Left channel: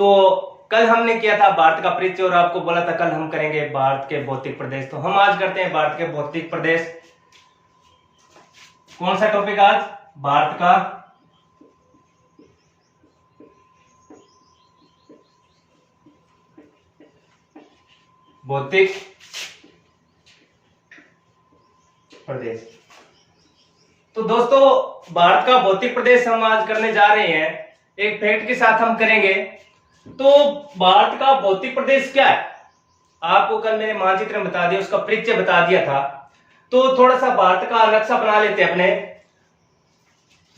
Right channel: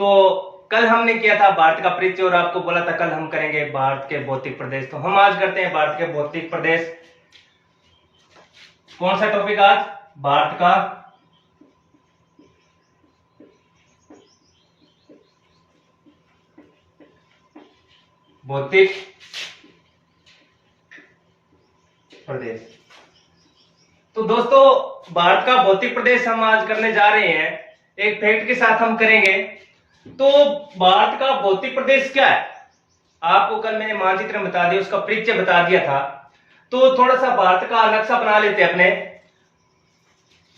तो कल हमने किया था भारत का परिचय और आपको बोला था कल हम करेंगे भारत के भौतिक प्रदेश। तो हम आज करते हैं भारत के भौतिक प्रदेश। कौन सा टॉपिक आज? भारत का भौतिक प्रदेश। तो दोस्तों भारत का भौतिक प्रदेश हम आज करने जा रहे हैं, एक फैक्ट के साथ हम करेंगे। तो भारत का भौतिक प्रदेश क्या है? आपको कल मैंने मानचित्र बता दिया, उसका परिचय बता दिया था। तो थोड़ा सा भारत का नक्शा बना लेते हैं अपने।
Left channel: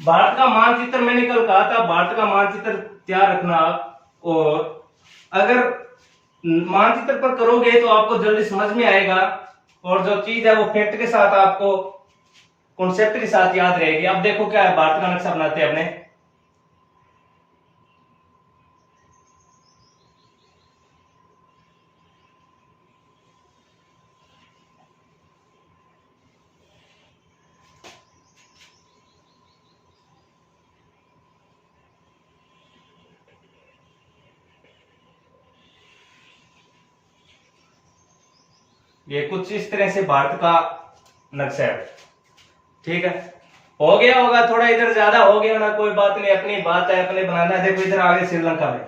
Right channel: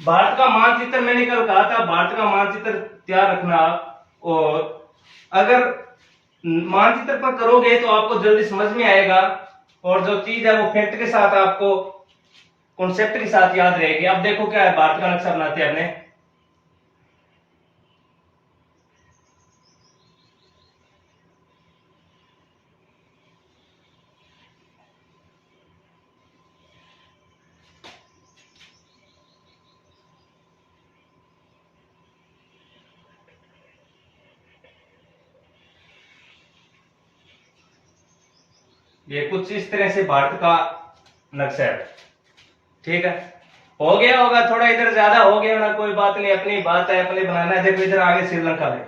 भारत का मानचित्र मैंने कल कहा था, भारत का मानचित्र तैयार रखना आप, और अगर मानचित्र पर करोगे तो आपको जल्दी समझ में आएगा और जो चीज है वो फैक्ट के साथ आपको कॉन्सेप्ट के साथ याद रहेगी। अब देखो क्या है, भारत का नक्शा बनाते हैं अपने। ये कुछ इस तरह से भारत का नक्शा है, ठीक है। हो गया होगा, थोड़ा इधर ज्यादा हो गया ना, कोई बात नहीं, अपनी बात है, अपने बनाना है। देखो इधर आगे श्रीलंका में।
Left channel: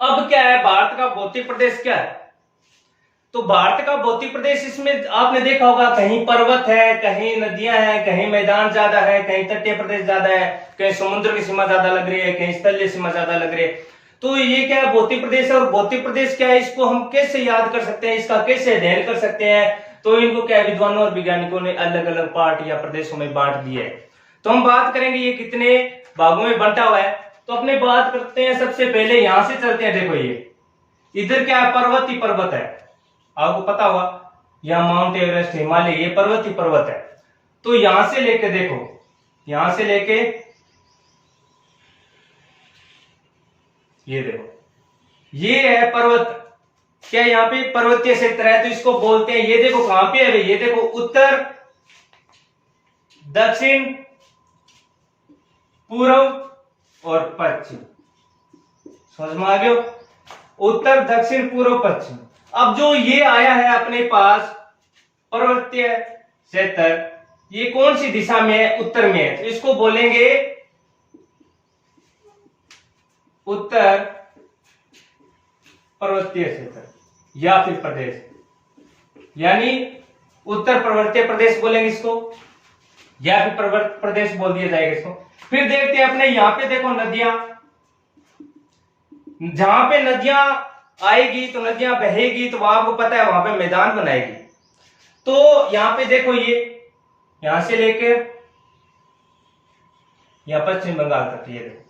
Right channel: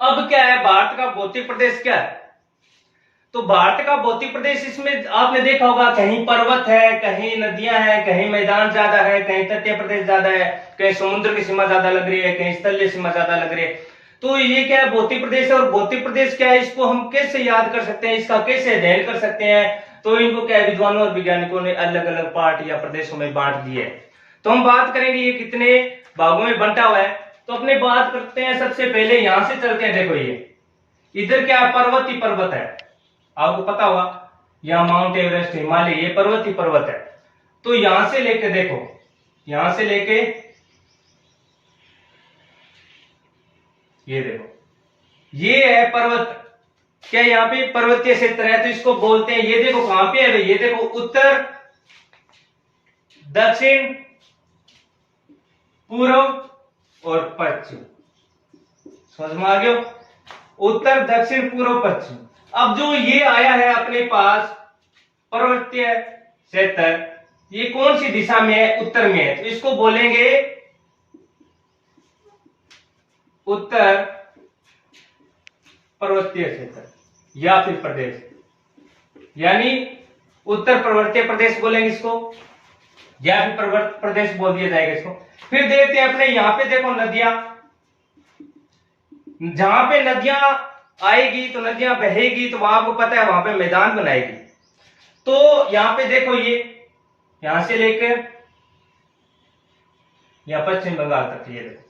अब क्या है, भारत का भौतिक प्रदेश क्या है? तो भारत का भौतिक प्रदेश, इसमें आपने देखा होगा कहीं पर्वत है, कहीं नदियां हैं, कहीं मैदान ज्यादा है, कहीं तटीय प्रदेश ज्यादा है, कहीं समुद्र की सीमा ज्यादा लग रही है, कहीं स्थलीय सीमा ज्यादा लग रही है। तो ये क्या है, भौतिक प्रदेश है। और भौतिक प्रदेश क्या है, इसको हम कैसे याद कर सकते हैं, इसका कैसे अध्ययन कर सकते हैं? तो इनको क्या है, विद्वानों और वैज्ञानिकों ने अलग अलग पार्ट या प्रदेशों में बांट दिए है। तो हम बात करेंगे ये कितने भागों में बंटा हुआ है। तो अपने बात करते हैं, सबसे पहले यहां से चलते हैं। देखो ये इधर क्या है, पर्वत ही पर्वत है, आपको पता होगा। यहाँ माउंट एवरेस्ट, हिमालय, ये पर्वत ही पर्वत है। तो यहां से लेके देखो, यहां से लेके ये देखो, ये है पर्वत। क्या यहाँ पे पर्वतीय क्षेत्र है, तो इसको बोलते हैं, ये देखो कहां पे है भाई, ये देखो उत्तर, दक्षिण, पूर्व और पश्चिम। समझ में आ गया? उत्तर, दक्षिण, पूर्व, पश्चिम। अब जो ये आया है अपने पास पर्वतीय क्षेत्र, ये कौन सी दिशा में है? उत्तर में है, तो इसको बोलेंगे उत्तर पर्वतीय क्षेत्र या फिर प्रदेश, यानी उत्तर पर्वतीय प्रदेश बोलेंगे इसको, या फिर पर्वत प्रदेश बोल दिया जाएगा इसको। फिर देखते हैं अपने यहां पे, देखो नदियां, जहां पे नदियां आएगी तो नदियां बहेगी, तो वहां आपको पता है वहां पे मैदान बनाएगी। तो यहां पे देखो, ये यहां से लेकर या पश्चिम बंगाल तक, ये देखो,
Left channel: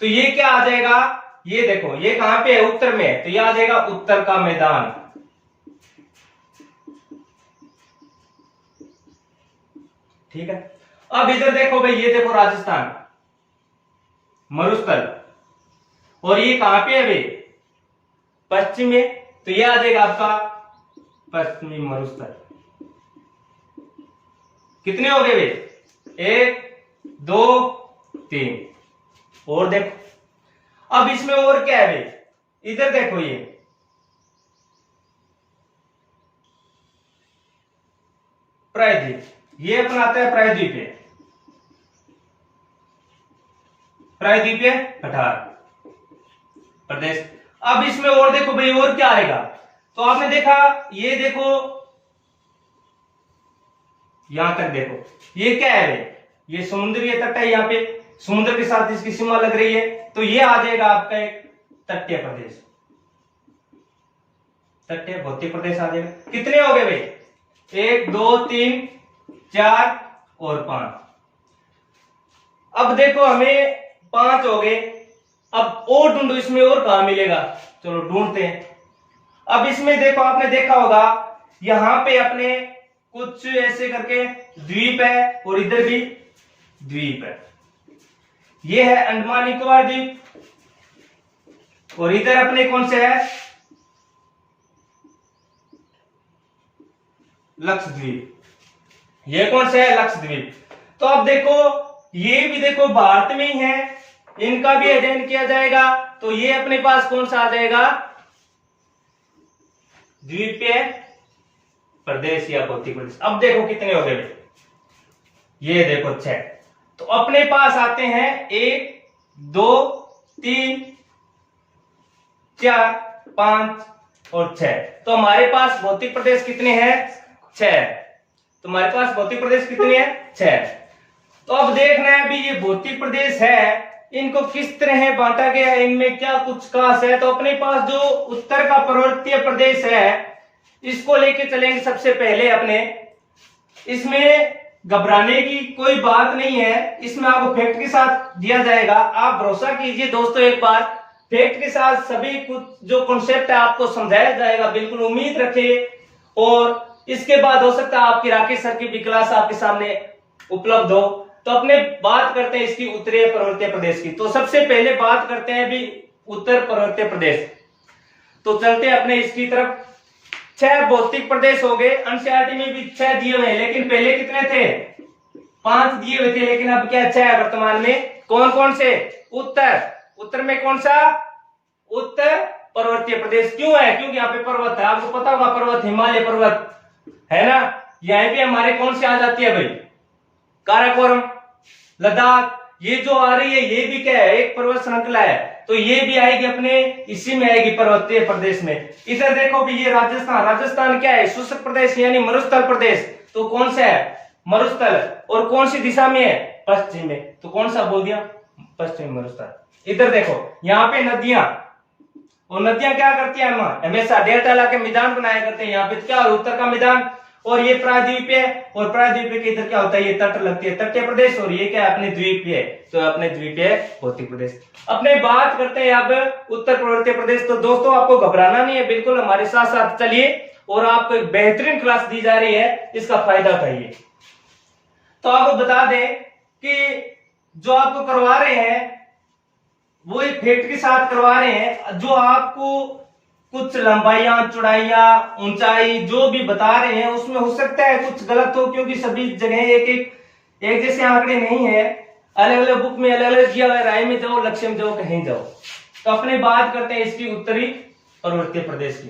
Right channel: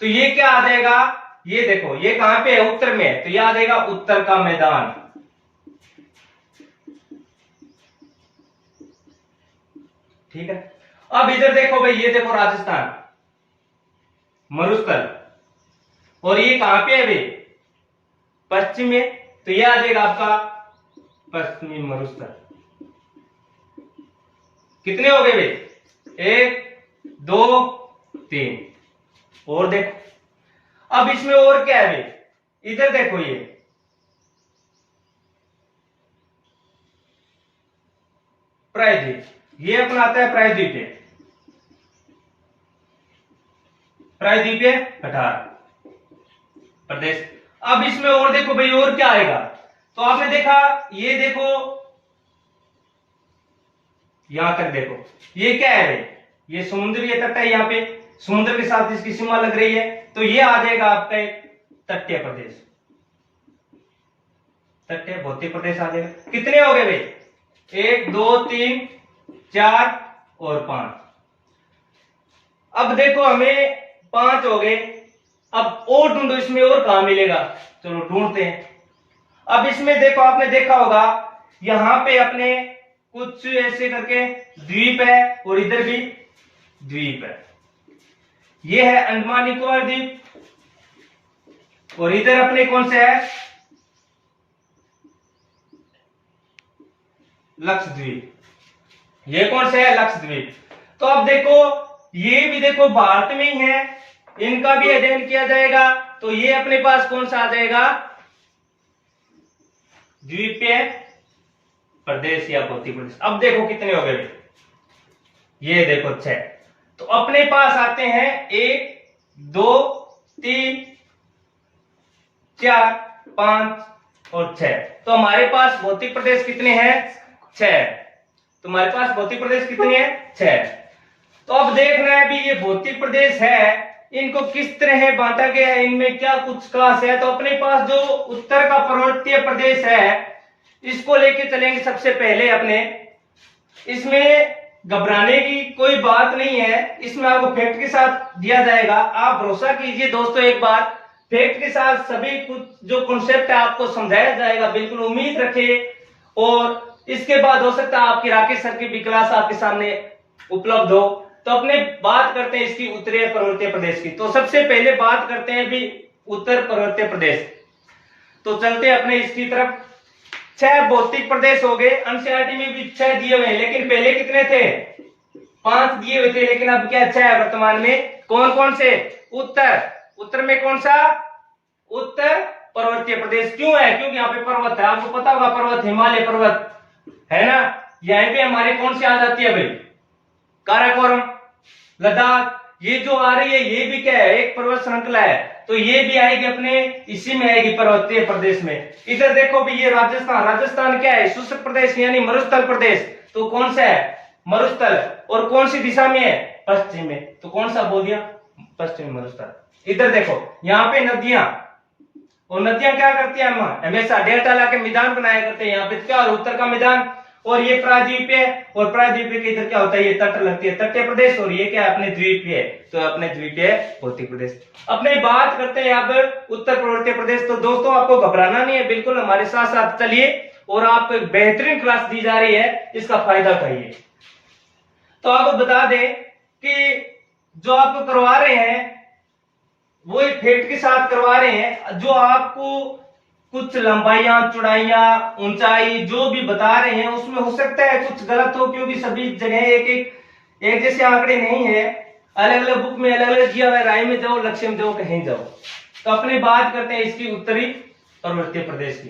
तो ये क्या आ जाएगा, ये देखो ये कहां पे है, उत्तर में है, तो ये आ जाएगा उत्तर का मैदान। ठीक है। अब इधर देखो भाई, ये देखो राजस्थान, मरुस्थल, और ये कहां पे है भाई, पश्चिम में, तो ये आ जाएगा आपका पश्चिमी मरुस्थल। कितने हो गए भाई? 1 2 3। और देखो, अब इसमें और क्या है भाई, इधर देखो, ये प्रायद्वीप, ये अपना आता है प्रायद्वीपीय, प्रायद्वीपीय पठार प्रदेश। अब इसमें और देखो भाई, और क्या आएगा, तो आपने देखा, ये देखो यहां तक देखो, ये क्या है भाई, ये समुद्रीय तट है, यहाँ पे समुद्र के साथ इसकी सीमा लग रही है, तो ये आ जाएगा आपका एक तटीय प्रदेश, तटीय भौतिक प्रदेश आ जाएगा। कितने हो गए भाई? 1 2 3 4 और 5। अब देखो हमें 5 हो गए। अब और ढूंढो, इसमें और कहां मिलेगा, चलो ढूंढते हैं। अब इसमें देखो, आपने देखा होगा यहां पे अपने कुछ ऐसे करके द्वीप है, और इधर भी द्वीप है। ये है अंडमान निकोबार द्वीप, और इधर अपने कौन से है, लक्षद्वीप। ये कौन से है, लक्षद्वीप। तो अब देखो, ये भी देखो भारत में ही है, इनका भी अध्ययन किया जाएगा। तो ये अपने पास कौन सा आ जाएगा, द्वीपीय प्रदेश या भौतिक प्रदेश। अब देखो कितने हो गए भाई, ये देखो 6। तो अपने पास आते हैं 1 2 3 4 5 और 6। तो हमारे पास भौतिक प्रदेश कितने हैं, 6। तो हमारे पास भौतिक प्रदेश कितने हैं, 6। तो अब देखना है भी ये भौतिक प्रदेश है, इनको किस तरह बांटा गया है, इनमें क्या कुछ खास है। तो अपने पास जो उत्तर का पर्वतीय प्रदेश है इसको लेके चलेंगे सबसे पहले अपने। इसमें घबराने की कोई बात नहीं है, इसमें आपको फैक्ट के साथ दिया जाएगा। आप भरोसा कीजिए दोस्तों, एक बार फैक्ट के साथ सभी कुछ जो कॉन्सेप्ट है आपको समझाया जाएगा, बिल्कुल उम्मीद रखिए। और इसके बाद हो सकता है आपकी राकेश सर की भी क्लास आपके सामने उपलब्ध हो। तो अपने बात करते हैं इसकी उत्तरीय पर्वतीय प्रदेश की। तो सबसे पहले बात करते हैं भी उत्तर पर्वतीय प्रदेश। तो चलते हैं अपने इसकी तरफ। 6 भौतिक प्रदेश हो गए, एनसीईआरटी में भी 6 दिए हुए हैं, लेकिन पहले कितने थे, 5 दिए हुए थे, लेकिन अब क्या 6 है वर्तमान में। कौन कौन से, उत्तर में कौन सा, उत्तर पर्वतीय प्रदेश। क्यों है, क्योंकि यहाँ पे पर्वत है, आपको पता होगा पर्वत, हिमालय पर्वत है ना। यहाँ पे हमारे कौन सी आ जाती है भाई, काराकोरम, लद्दाख, ये जो आ रही है ये भी क्या है, एक पर्वत श्रृंखला है। तो ये भी आएगी अपने इसी में आएगी, पर्वतीय प्रदेश में। इधर देखो भी ये राजस्थान क्या है, शुष्क प्रदेश यानी मरुस्थल प्रदेश। तो कौन सा है, मरुस्थल। और कौन सी दिशा में है, पश्चिम में। तो कौन सा बोल दिया, पश्चिम मरुस्थल। इधर देखो यहाँ पे नदियां, और नदियां क्या करती है, हमेशा डेल्टा लाके मैदान बनाया करते हैं। यहाँ पे क्या, उत्तर का मैदान, और ये प्रायद्वीप है, और प्रायद्वीप के इधर क्या होता है, ये तट लगती है, तटीय प्रदेश। और ये क्या है, अपने द्वीप है। तो अपने द्वीप है भौतिक प्रदेश। अपने बात करते हैं अब उत्तर पर्वतीय प्रदेश। तो दोस्तों आपको घबराना नहीं है, बिल्कुल हमारे साथ साथ चलिए, और आपको एक बेहतरीन क्लास दी जा रही है, इसका फायदा उठाइए। तो आपको बता दें कि जो आपको करवा रहे हैं वो एक फैक्ट के साथ करवा रहे हैं। जो आपको कुछ लंबाइयां, चौड़ाइयां, ऊंचाई जो भी बता रहे हैं उसमें हो सकता है कुछ गलत हो, क्योंकि सभी जगह एक जैसे आंकड़े नहीं है, अलग अलग बुक में अलग अलग दिया हुआ है। राय में जाओ, लक्ष्य में जाओ, कहीं जाओ। तो अपने बात करते हैं इसकी उत्तरी पर्वतीय प्रदेश की।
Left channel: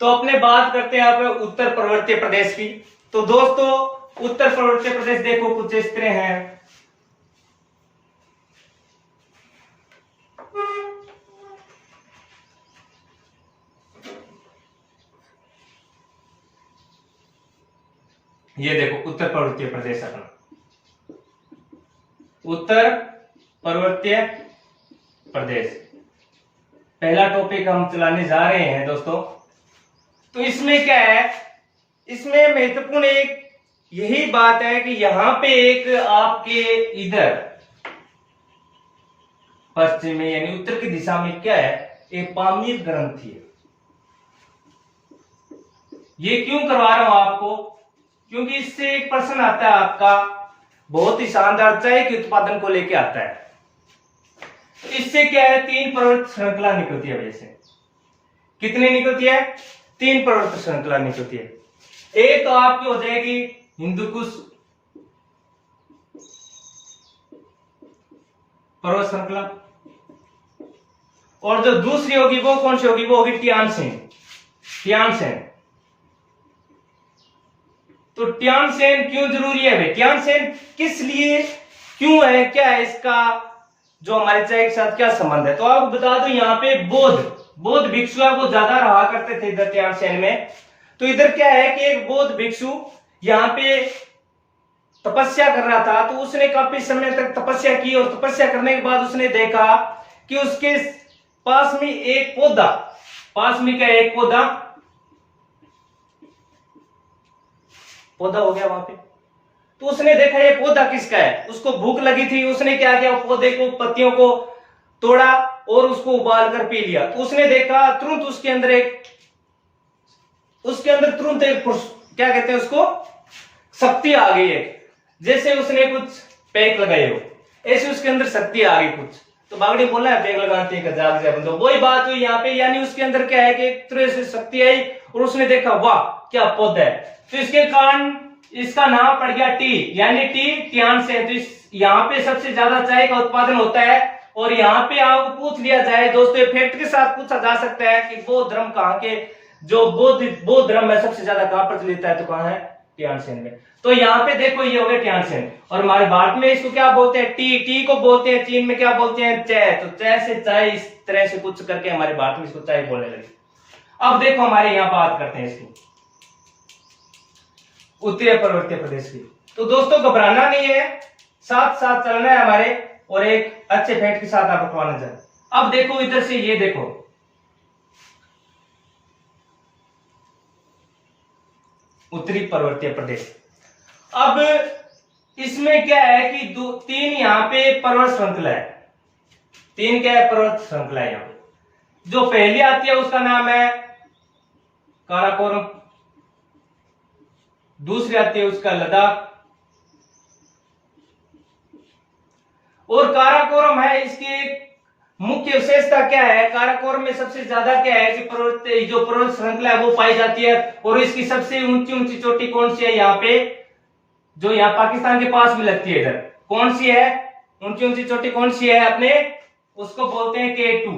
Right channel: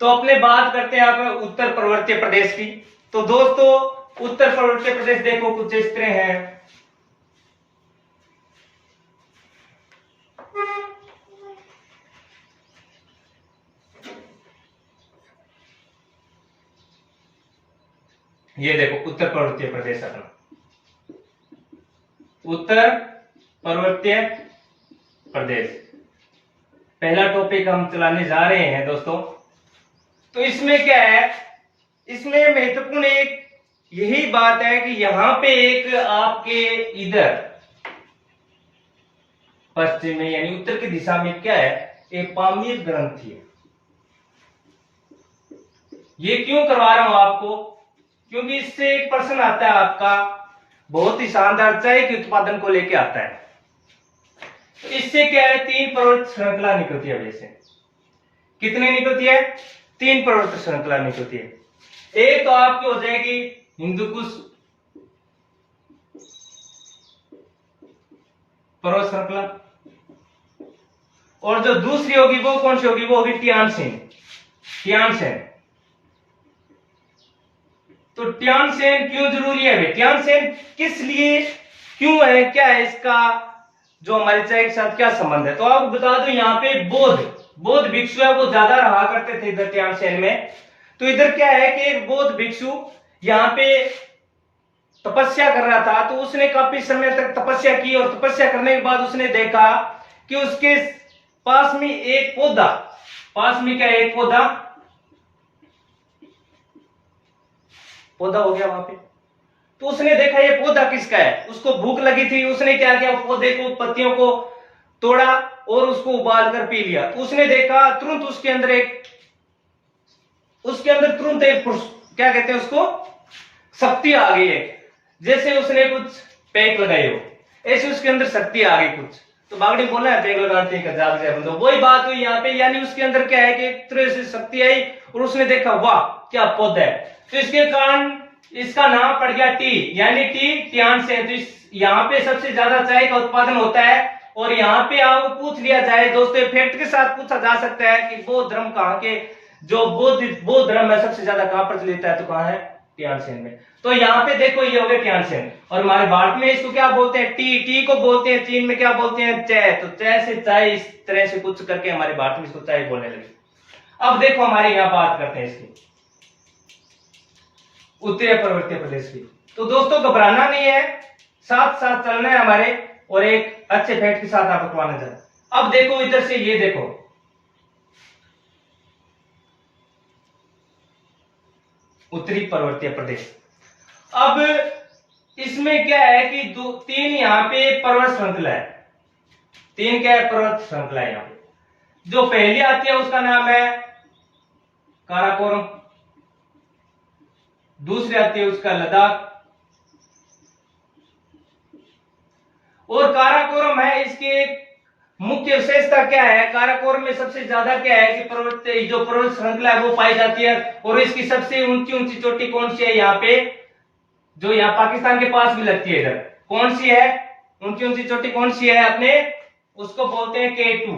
तो अपने बात करते हैं आप उत्तर पर्वतीय प्रदेश की। तो दोस्तों उत्तर पर्वतीय प्रदेश देखो कुछ इस तरह है। ये देखो उत्तर पर्वतीय प्रदेश अपना, उत्तर पर्वतीय प्रदेश पहला टॉपिक हम चलाने जा रहे हैं दोस्तों। तो इसमें क्या है, इसमें महत्वपूर्ण एक यही बात है कि यहां पे एक आपके इधर पश्चिम में यानी उत्तर की दिशा में क्या है, एक पामीर ग्रंथि है। ये क्यों करवा रहा हूं आपको, क्योंकि इससे एक प्रश्न आता है आपका बहुत ही शानदार चाय के उत्पादन को लेके आता है। तो इससे क्या है, 3 पर्वत श्रृंखला निकलती है। वैसे कितनी निकलती है, 3 पर्वत श्रृंखला निकलती है। एक तो आपकी हो जाएगी हिंदुकुश पर्वत श्रृंखला, और जो दूसरी होगी वो कौन सी होगी, वो होगी तियानसेन। तो तियानसेन क्यों जरूरी है भाई, तियानसेन किस लिए क्यों है, क्या है इसका जो हमारे चाय के साथ क्या संबंध है। तो आपको बता दो यहाँ पे बौद्ध भिक्षु है, वो ज्यादा रहा करते थे इधर तियानसेन में। तो इधर क्या है कि एक बौद्ध भिक्षु यहाँ पे तपस्या कर रहा था। तो उसने काफी समय तक तपस्या की, और तपस्या करने के बाद उसने देखा कि उसके पास में एक पौधा, पौधा हो गया वहां पे। तो उसने देखा ये पौधा किसका है, उसको भूख लगी थी। उसने क्या किया, पौधे को, पत्तियों को तोड़ा और उसको उबाल कर पी लिया। तो उसने देखा तुरंत उसके अंदर तुरंत एक क्या कहते हैं उसको, शक्ति आ गई है। जैसे उसने कुछ पैक लगाए हो, ऐसे उसके अंदर शक्ति आ गई कुछ। तो बागड़ी बोला है पैक लगाते हैं जाग जाए बंदो, वही बात हुई यहाँ पे। यानी उसके अंदर क्या है कि एक तरह से शक्ति आई, और उसने देखा वाह क्या पौधा है। तो इसके कारण इसका नाम पड़ गया टी, यानी तियानसेन। तो यहाँ पे सबसे ज्यादा चाय का उत्पादन होता है, और यहाँ पे आपको पूछ लिया जाए दोस्तों, फैक्ट के साथ पूछा जा सकता है कि बौद्ध धर्म कहाँ के, जो बौद्ध धर्म है सबसे ज्यादा कहाँ प्रचलित है, तो कहाँ है, टियानसेन में। तो यहाँ पे देखो ये हो गया टियानसेन। और हमारे भारत में इसको क्या बोलते हैं, टी, टी को बोलते हैं, चीन में क्या बोलते हैं, चाय। तो चाय से चाय, इस तरह से कुछ करके हमारे भारत में इसको चाय बोलने लगे। अब देखो हमारे यहाँ बात करते हैं इसकी उत्तरी पर्वतीय प्रदेश की। तो दोस्तों घबराना नहीं है, साथ साथ चलना है हमारे, और एक अच्छे फैक्ट के साथ आपको करवाना चाहिए। अब देखो इधर से, ये देखो उत्तरी पर्वतीय प्रदेश। अब इसमें क्या है कि तीन यहाँ पे पर्वत श्रृंखला है, तीन क्या है, पर्वत श्रृंखला है यहाँ पे। जो पहली आती है उसका नाम है काराकोरम, दूसरी आती है उसका लद्दाख, और काराकोरम है। इसकी मुख्य विशेषता क्या है, काराकोरम में सबसे ज्यादा क्या है कि जो पर्वत श्रृंखला है वो पाई जाती है। और इसकी सबसे ऊंची ऊंची चोटी कौन सी है, यहाँ पे जो यहाँ पाकिस्तान के पास भी लगती है, इधर कौन सी है, ऊंची ऊंची चोटी कौन सी है अपने, उसको बोलते हैं K2।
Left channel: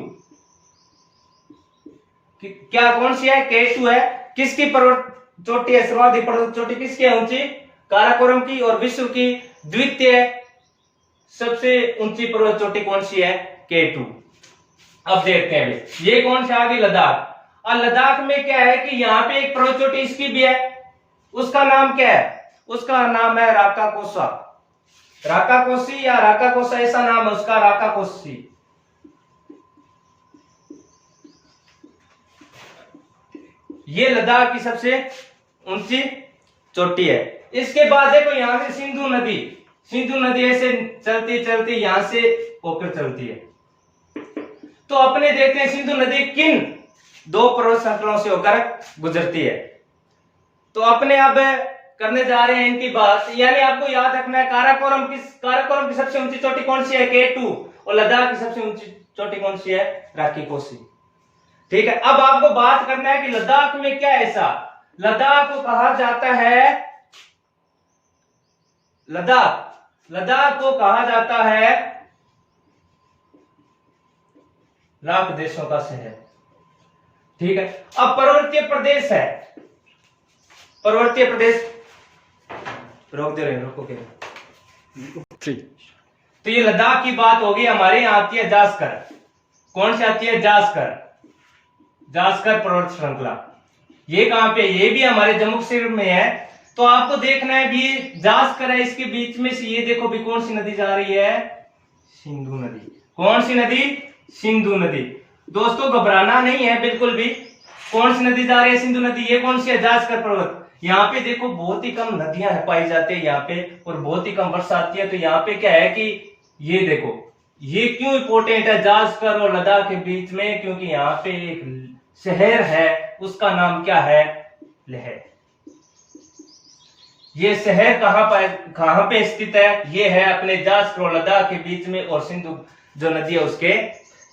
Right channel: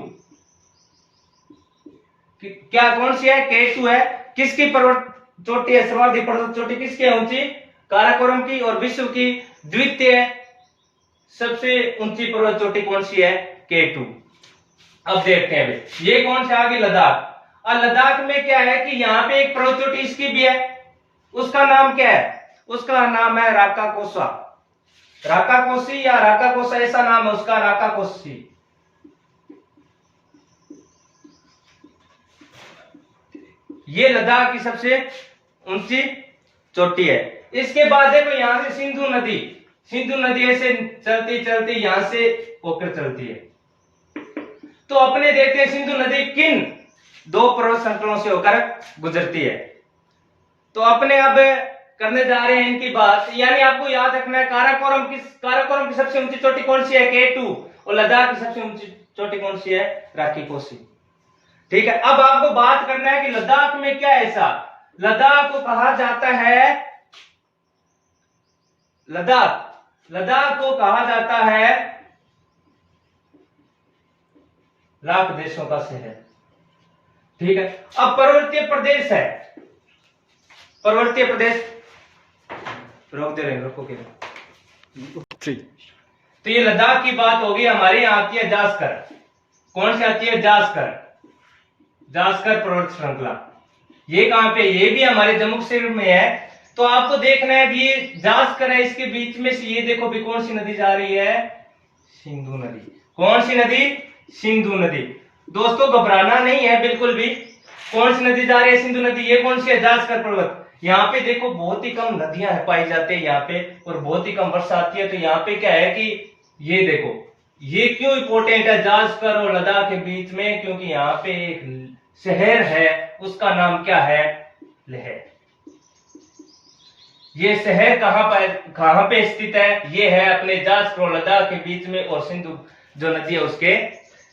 क्या कौन सी है, K2 है। किसकी पर्वत चोटी है, सर्वाधिक पर्वत चोटी किसकी है ऊंची, काराकोरम की। और विश्व की द्वितीय सबसे ऊंची पर्वत चोटी कौन सी है, K2। अब देखते हैं अभी ये कौन सा आगे, लद्दाख। और लद्दाख में क्या है कि यहाँ पे एक पर्वत चोटी इसकी भी है, उसका नाम क्या है, उसका नाम है राकाकोसा, राकाकोसी या राकाकोसा, ऐसा नाम है उसका, राकाकोसी। ये लद्दाख की सबसे ऊंची चोटी है। इसके बाद देखो यहां से सिंधु नदी, सिंधु नदी ऐसे चलती चलती यहां से होकर चलती है। तो अपने देखते हैं सिंधु नदी किन दो पर्वत श्रृंखलाओं से होकर गुजरती है। तो अपने अब करने जा रहे हैं इनकी बात, यानी आपको याद रखना है काराकोरम की सबसे ऊंची चोटी कौन सी है, K2, और लद्दाख की सबसे ऊंची चोटी कौन सी है, राकाकोसी। ठीक है, अब आपको बात करना है कि लद्दाख में क्या ऐसा, लद्दाख को कहा जाता है, लद्दाख को कहा जाता है लाख देशों का शहर। ठीक है, अब पर्वतीय प्रदेश है, पर्वतीय प्रदेश, रोक दे रहे, रोको के। तो ये लद्दाख की बात होगी। हमारे यहाँ आती है जास्कर, कौन सी आती है, जास्कर, जास्कर पर्वत श्रृंखला। ये कहां पे, ये भी हमारे जम्मू कश्मीर में है। तो आपको देखना है भी जास्कर है, इसके बीच में से ये देखो भी कौन सी नदी जा रही है, सिंधु नदी। कौन सी नदी, सिंधु नदी। दोस्तों घबराना नहीं है बिल्कुल भी, कौन सी नदी जा रही है, सिंधु नदी। ये कौन सी है, जास्कर पर्वत। यहाँ पे देखो बहुत ही कम नदियां पाई जाती है यहाँ पे, और बहुत ही कम वर्षा आती है। तो यहाँ पे क्या है कि ये देखो, ये क्यों इंपॉर्टेंट है जास्कर और लद्दाख के बीच में, क्योंकि यहाँ पे एक शहर है, उसका नाम क्या है, लेह। ये शहर कहां पे स्थित है, ये है अपने जास्कर और लद्दाख के बीच में, और सिंधु जो नदी है उसके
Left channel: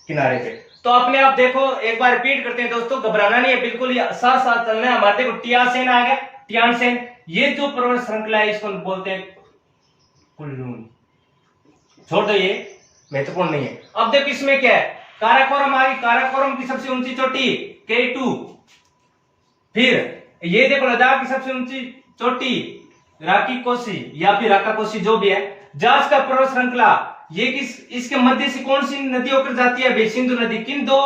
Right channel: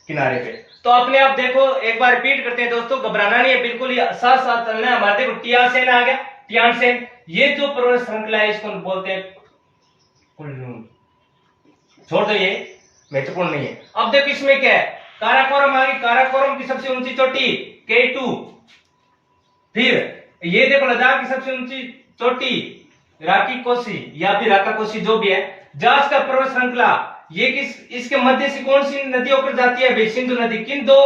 किनारे पे। तो अपने आप देखो, एक बार रिपीट करते हैं दोस्तों, घबराना नहीं है बिल्कुल, ही साथ साथ चलना है हमारे। देखो टियानसेन आ गया, टियानसेन, ये जो पर्वत श्रृंखला है इसको बोलते हैं कुनलुन। छोड़ दो, ये महत्वपूर्ण नहीं है। अब देखो इसमें क्या है, काराकोरम आ गई, काराकोरम की सबसे ऊंची चोटी K2। फिर ये देखो लद्दाख की सबसे ऊंची चोटी राकाकोसी या फिर राकाकोसी जो भी है। जास्कर पर्वत श्रृंखला, ये इसके मध्य से कौन सी नदी होकर जाती है, सिंधु नदी। किन दो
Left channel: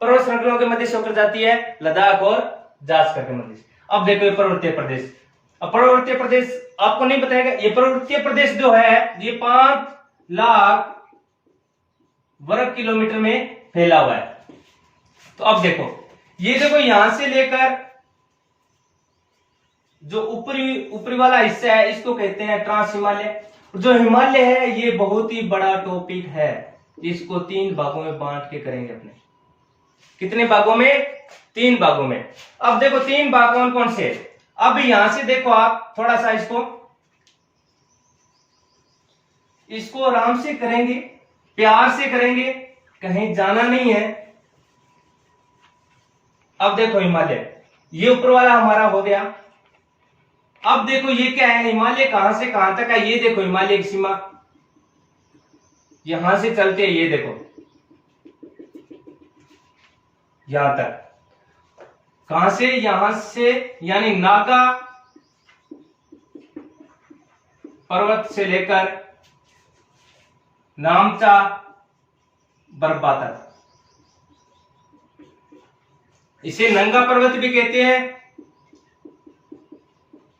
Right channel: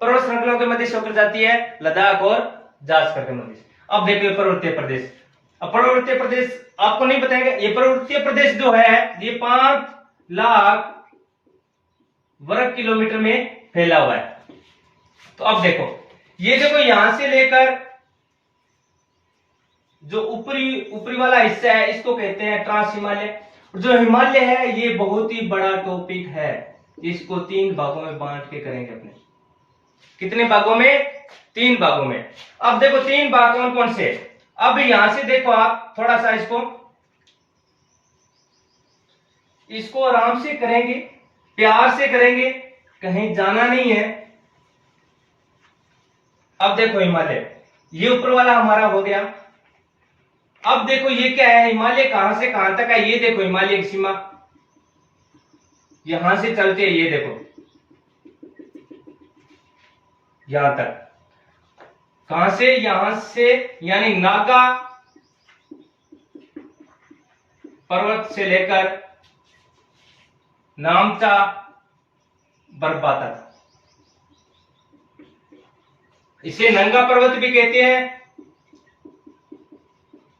पर्वत श्रृंखलाओं के मध्य से होकर जाती है, लद्दाख और जास्कर के मध्य से। अब देखो ये पर्वतीय प्रदेश, अब पर्वतीय प्रदेश आपको नहीं बताएगा, ये पर्वतीय प्रदेश जो है ये 5 लाख वर्ग किलोमीटर में फैला हुआ है। तो अब देखो, ये देखो यहां से लेकर जो ऊपरी वाला हिस्सा है इसको कहते हैं ट्रांस हिमालय। जो हिमालय है ये बहुत ही बड़ा टॉपिक है, इसको 3 भागों में बांट के करेंगे अपने। कितने भागों में, 3 भागों में। अब देखो 3 भाग कौन कौन से। अब यहां से देखो आप थोड़ा सा इसको आराम से करेंगे, प्यार से करेंगे, कहीं जाना नहीं है। अब देखो हिमालय, ये ऊपर वाला हमारा हो गया। अब देखो ये क्या है, हिमालय कहां से कहां तक है, ये देखो हिमालय की सीमा यहां से चलते है, ये देखो यहां तक। कहां से? यहां से, यानी नागा पर्वत से लेकर नामचा बर्बा तक। इसे नंगा पर्वत भी कहते हैं।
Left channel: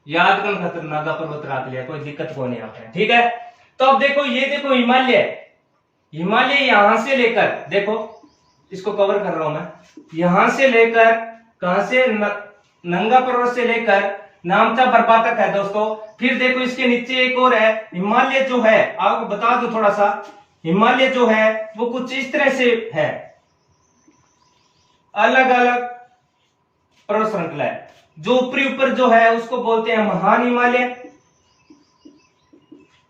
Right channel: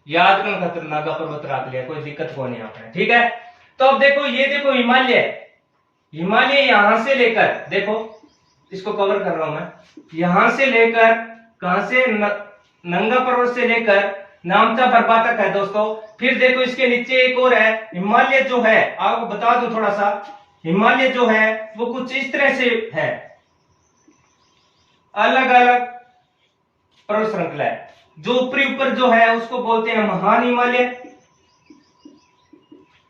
याद करना खातर नागा पर्वत रख लिया, कोई दिक्कत को नहीं आता है, ठीक है। तो अब देखो, ये देखो हिमालय, हिमालय यहां से लेकर, देखो इसको कवर कर रहा हूं मैं, यहां से लेकर कहां से? नंगा पर्वत से लेकर नामचा बर्बा तक है दोस्तों। फिर देखो इसके नीचे एक और है हिमालय, जो है आपको बता दूं थोड़ा सा, हिमालय जो है वो कुछ इस तरह से है, अलग अलग पर्वत श्रृंखला है। जो ऊपरी ऊपर जो है उसको बोलते हैं महान हिमालय।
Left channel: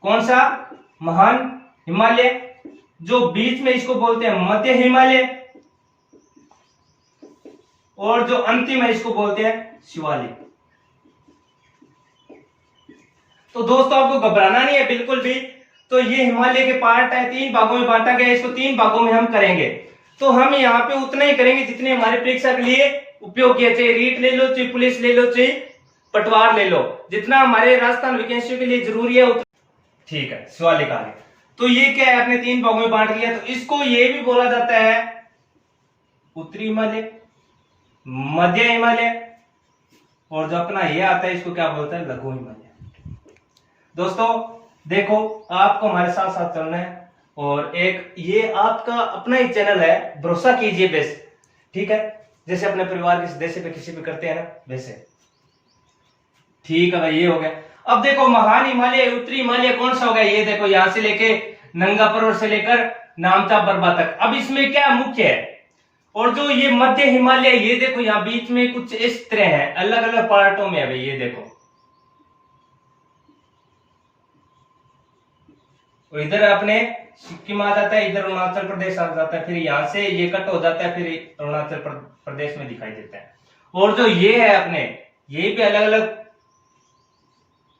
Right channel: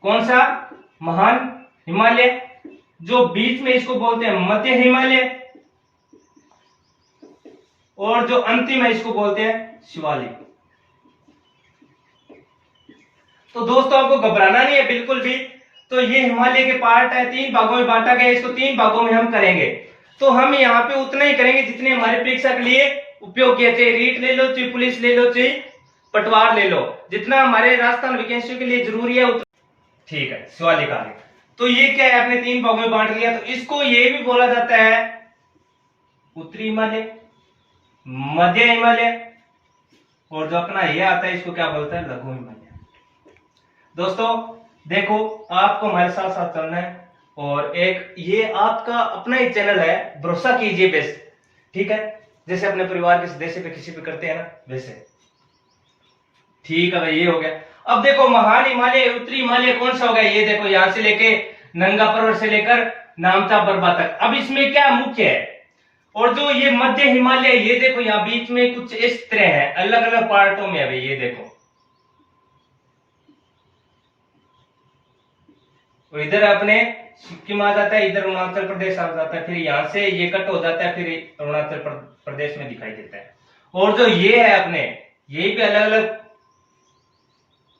कौन सा? महान हिमालय। जो बीच में इसको बोलते हैं मध्य हिमालय, और जो अंतिम है इसको बोलते हैं शिवालिक। तो दोस्तों आपको घबराना नहीं है बिल्कुल भी। तो ये हिमालय के पार्ट है, 3 भागों में बांटा गया, इसको 3 भागों में हम करेंगे। तो हम यहाँ पे उतना ही करेंगे जितने हमारे परीक्षा के लिए उपयोगी है, चाहे रीट ले लो, चाहे पुलिस ले लो, चाहे पटवार ले लो, जितना हमारे राजस्थान वैकेंसियों के लिए जरूरी है उतना। ठीक है, शिवालिक आगे। तो ये क्या है, अपने 3 भागों में बांट लिया। तो इसको ये भी बोला जाता है उत्तरी हिमालय, मध्य हिमालय, और जो अपना ये आता है इसको क्या बोलता है? लघु हिमालय। दोस्तों देखो, आपको हमारे साथ साथ चलना है, और एक ये आपका अपना ही चैनल है, भरोसा कीजिए बेस, ठीक है, जैसे अपने परिवार के सदस्य पे किसी पे करते हैं ना, वैसे। ठीक है भाई, ये हो गया। अब देखो महान हिमालय, उत्तरी हिमालय कौन सा होगा? ये देखो, यहां से लेके नंगा पर्वत से लेकर नामचा बर्बा तक। अब इसमें क्या मुख्य है? और जो ये मध्य हिमालय, ये देखो यहाँ बीच में कुछ इस तरह है, अलग अलग पार्टों में है भाई, ये देखो। और इधर अपने सिक्किम आ जाता है, इधर अरुणाचल प्रदेश आ जाता है, फिर यहां से ये कट हो जाता है, फिर अरुणाचल प्रदेश में दिखाई देता है। और जो ये है अपने, ये भी अलग अलग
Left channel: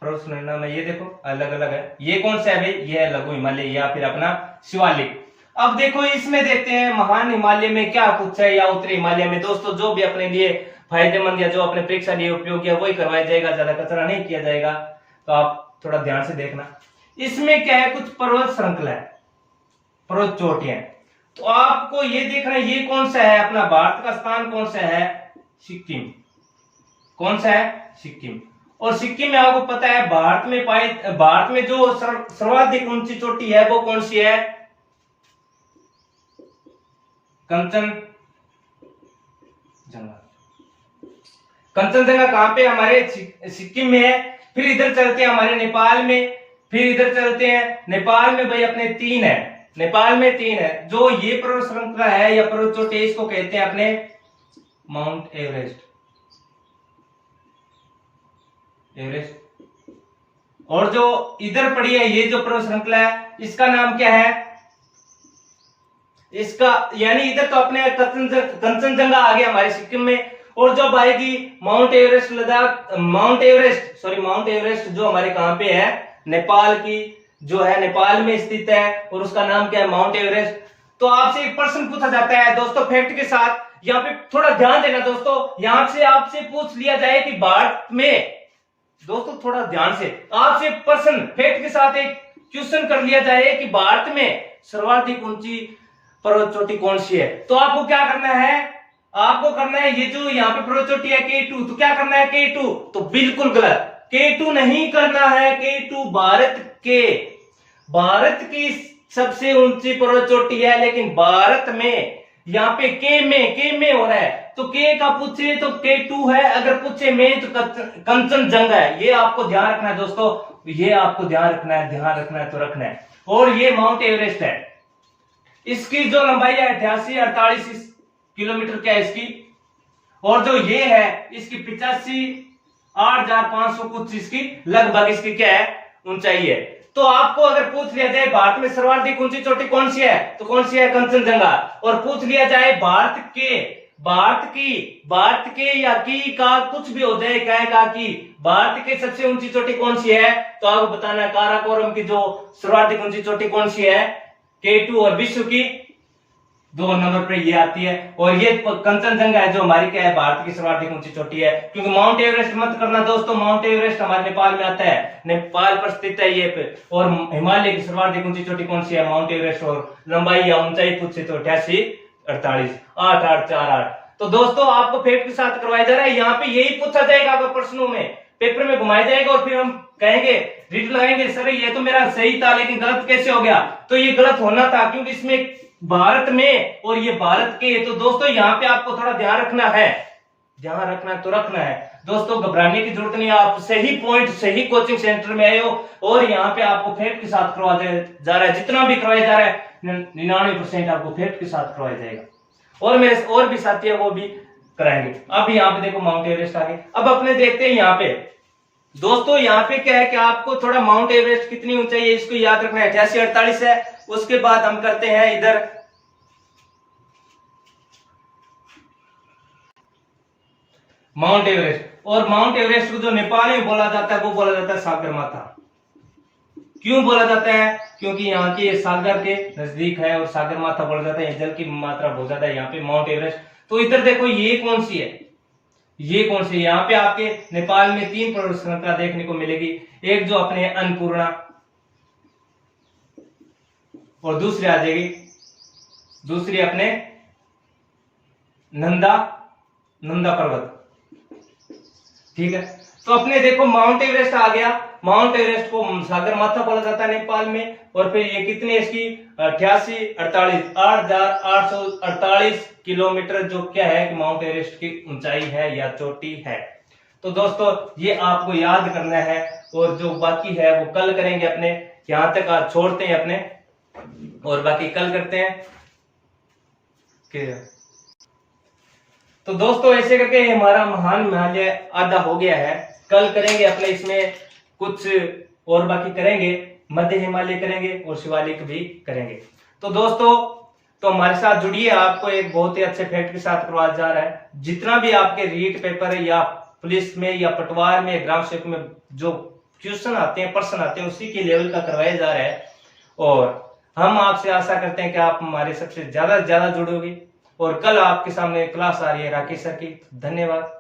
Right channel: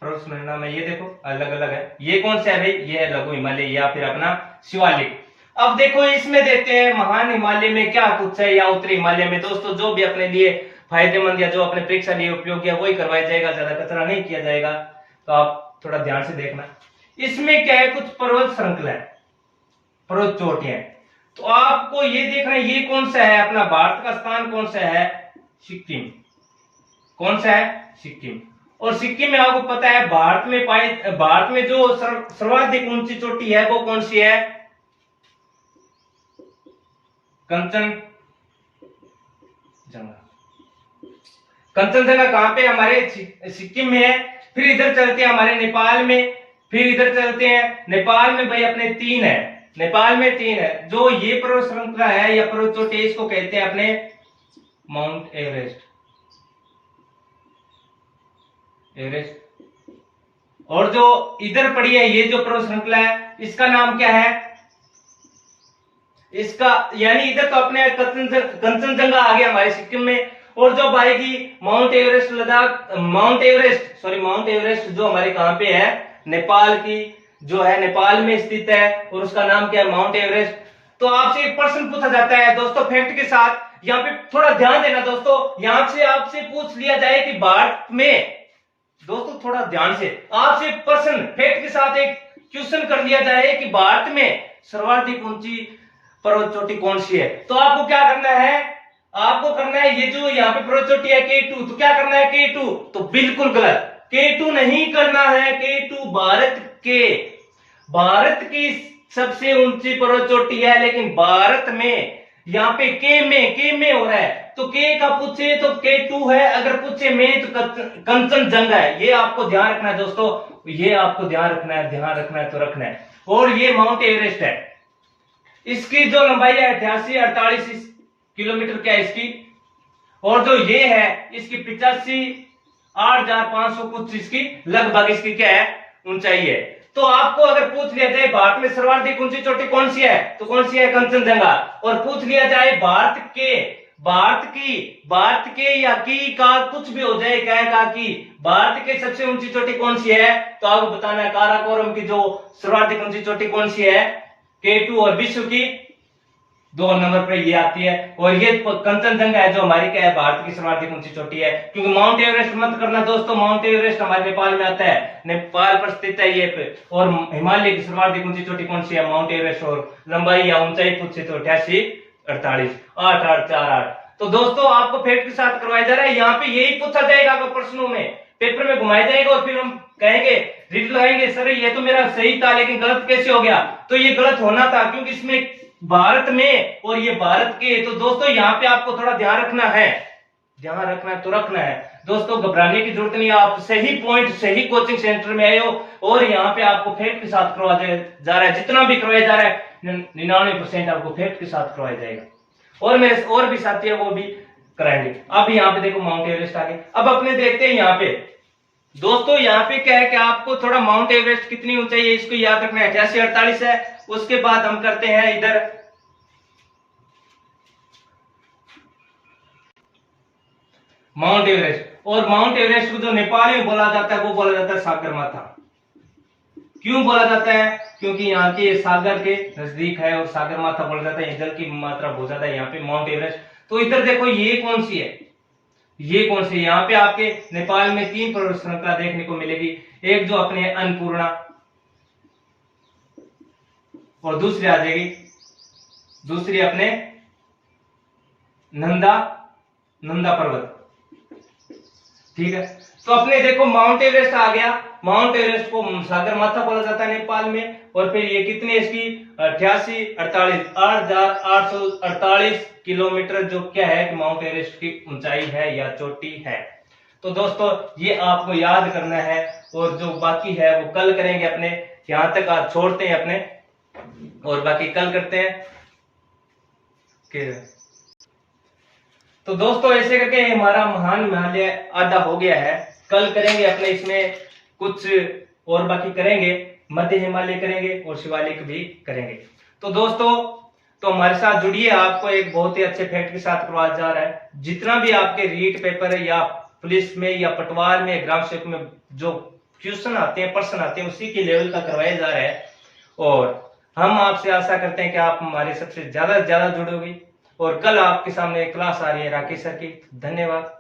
पर्वत में, ये देखो अलग अलग है। ये कौन सा है भाई? ये है लघु हिमालय या फिर अपना शिवालिक। अब देखो इसमें देते हैं महान हिमालय में क्या कुछ है, या उत्तरी हिमालय में। दोस्तों जो भी अपने लिए फायदेमंद या जो अपने परीक्षा लिए उपयोगी है वही करवाया जाएगा, ज्यादा कचरा नहीं किया जाएगा। तो आप थोड़ा ध्यान से देखना। इसमें क्या है? कुछ पर्वत श्रृंखला है, पर्वत चोटियां। तो आपको ये देखना है, ये कौन सा है? अपना भारत का स्थान कौन सा है? सिक्किम। कौन सा है? सिक्किम। और सिक्किम में आपको पता है भारत में जो सर्वाधिक ऊंची चोटी है वो कौन सी है? कंचनजंगा। कंचनजंगा कहां पे? हमारे सिक्किम में है। फिर इधर चलते हैं हमारे नेपाल में, फिर इधर चलते हैं नेपाल में भाई अपने 3 है, नेपाल में 3 है। जो ये पर्वत श्रृंखला है या पर्वत चोटी, इसको कहते हैं अपने माउंट एवरेस्ट। और जो इधर पड़ी है ये जो पर्वत श्रृंखला है, इसका नाम क्या है? इसका यानी इधर तो अपने कंचनजंगा आ गया हमारे सिक्किम में। और जो आएगी mount Everest Ladakh, mount Everest जो हमारे कहां पे है? नेपाल की, जो है नेपाल में स्थित है, और उसका नाम क्या है? Mount Everest. तो आपसे एक प्रश्न पूछा जाता है दोस्तों फैक्ट के साथ, यहाँ पे थोड़ा ध्यान देना दोस्तों। यहां से आपसे पूछ लिया जाए कि भारत में, दोस्तों थोड़ा ध्यान से, आपसे प्रश्न फैक्ट के साथ एक क्वेश्चन कर लिया जाए कि भारत में सर्वाधिक ऊंची पर्वत चोटी कौन सी है, तो आपको क्या करना है? आपको करना है, ये जो यहाँ पे पर्वत चोटी है K2, तो क्या करना है? K2। तो बिल्कुल गलत, K2 नहीं करना है। K2 भारत की सबसे ऊंची पर्वत चोटी है, लेकिन भारत में यहाँ पे K में हो रहा है। तो K का पूछे तो K2 है, अगर पूछे में तो कंचनजंगा है। ये आपको ध्यान रखना है दोस्तों, ये आपको ध्यान रखना है तो रखना है। और ये माउंट एवरेस्ट है, इसकी जो लंबाई है 88-48 किलोमीटर क्या है इसकी। और जो ये है इसकी 85,8,500 कुछ इसकी लगभग इसकी क्या है? ऊंचाई है। तो आपको अगर पूछ लिया जाए भारत में सर्वाधिक ऊंची चोटी कौन सी है, तो कौन सी है? कंचनजंगा। और पूछ लिया जाए भारत के या की का कुछ भी हो जाए, क्या का कि भारत के सबसे ऊंची चोटी कौन सी है, तो आपको बताना है काराकोरम की जो सर्वाधिक ऊंची चोटी कौन सी है? K2। और विश्व की 2 नंबर पे ये आती है। और ये कंचनजंगा है जो हमारी क्या है, भारत की सर्वाधिक ऊंची चोटी है। क्योंकि माउंट एवरेस्ट मत करना दोस्तों, माउंट एवरेस्ट हमारे नेपाल में आता है, नेपाल पर स्थित है ये पे। और हिमालय की सर्वाधिक ऊंची चोटी कौन सी है, माउंट एवरेस्ट। और लंबाई या ऊंचाई पूछे तो 88 48 8848। तो दोस्तों आपको फैक्ट के साथ करवाया जा रहा है, यहाँ पे यही पूछा जाएगा आपको प्रश्नों में, पेपर में घुमाया जाएगा और फिर हम कहेंगे रीड लगाएंगे सर ये तो मेरा सही था लेकिन गलत कैसे हो गया। तो ये गलत होना था क्योंकि इसमें भारत में और ये भारत के। तो दोस्तों यहाँ पे आपको थोड़ा ध्यान रखना है, ध्यान रखना है तो रखना है दोस्तों, घबराने की जरूरत नहीं है। आप सही पॉइंट सही कोचिंग सेंटर में आए हो और यहाँ पे आपको फैक्ट के साथ करवाया जा रहा है, जितना भी करवाया जा रहा है 99% आपको फैक्ट के साथ करवाया जाएगा। और मेरे और भी साथी है वो भी कराएंगे। अब यहाँ पे देखो माउंट एवरेस्ट आगे। अब अपने देखते हैं यहाँ पे दोस्तों, यहाँ पे क्या है कि आपको थोड़ा माउंट एवरेस्ट कितनी ऊंचाई है इसको याद रखना है, 88 48 है। उसके बाद हम करते हैं इधर माउंट एवरेस्ट। और माउंट एवरेस्ट को जो नेपाल में बोला जाता है वो बोला जाता है सागर माथा। क्यों बोला जाता है, क्योंकि यहाँ के सागर के नजदीक है और सागर माथा बोला जाता है, जल की मात्रा बहुत ज्यादा है यहाँ पे माउंट एवरेस्ट। तो इधर देखो ये कौन सी है, ये कौन सी, यहाँ पे आपके नेपाल में 3 पर्वत श्रृंखला देखने को मिलेगी। एक जो अपने अन्नपूर्णा और दूसरी आ जाएगी, दूसरी अपने नंदा पर्वत, ठीक है। तो अपने देखो माउंट एवरेस्ट आ गया, माउंट एवरेस्ट को सागर माथा बोला जाता है नेपाल में। और फिर ये कितने इसकी 88 48 8848 किलोमीटर जो क्या है माउंट एवरेस्ट की ऊंचाई है या चोटी है। तो दोस्तों ये आपको याद करना है और जो बाकी है वो कल करेंगे अपने, यहां तक आज छोड़ते हैं अपने और बाकी कल करते हैं। तो दोस्तों ऐसे करके हमारा महान हिमालय आधा हो गया है। कल करेंगे अपने इसमें कुछ और बाकी करेंगे, मध्य हिमालय करेंगे और शिवालिक भी करेंगे। तो दोस्तों तो हमारे साथ जुड़िए, आपको एक बहुत ही अच्छे फैक्ट के साथ करवाया जा रहा है। जितना भी आपके रीट पेपर या पुलिस में या पटवार में ग्राम सेवक में जो क्वेश्चन आते हैं प्रश्न आते हैं उसी के लेवल का करवाया जा रहा है। और हम आपसे आशा करते हैं कि आप हमारे सबसे ज्यादा से ज्यादा जुड़ोगे। और कल आपके सामने क्लास आ रही है राकेश सर की। धन्यवाद।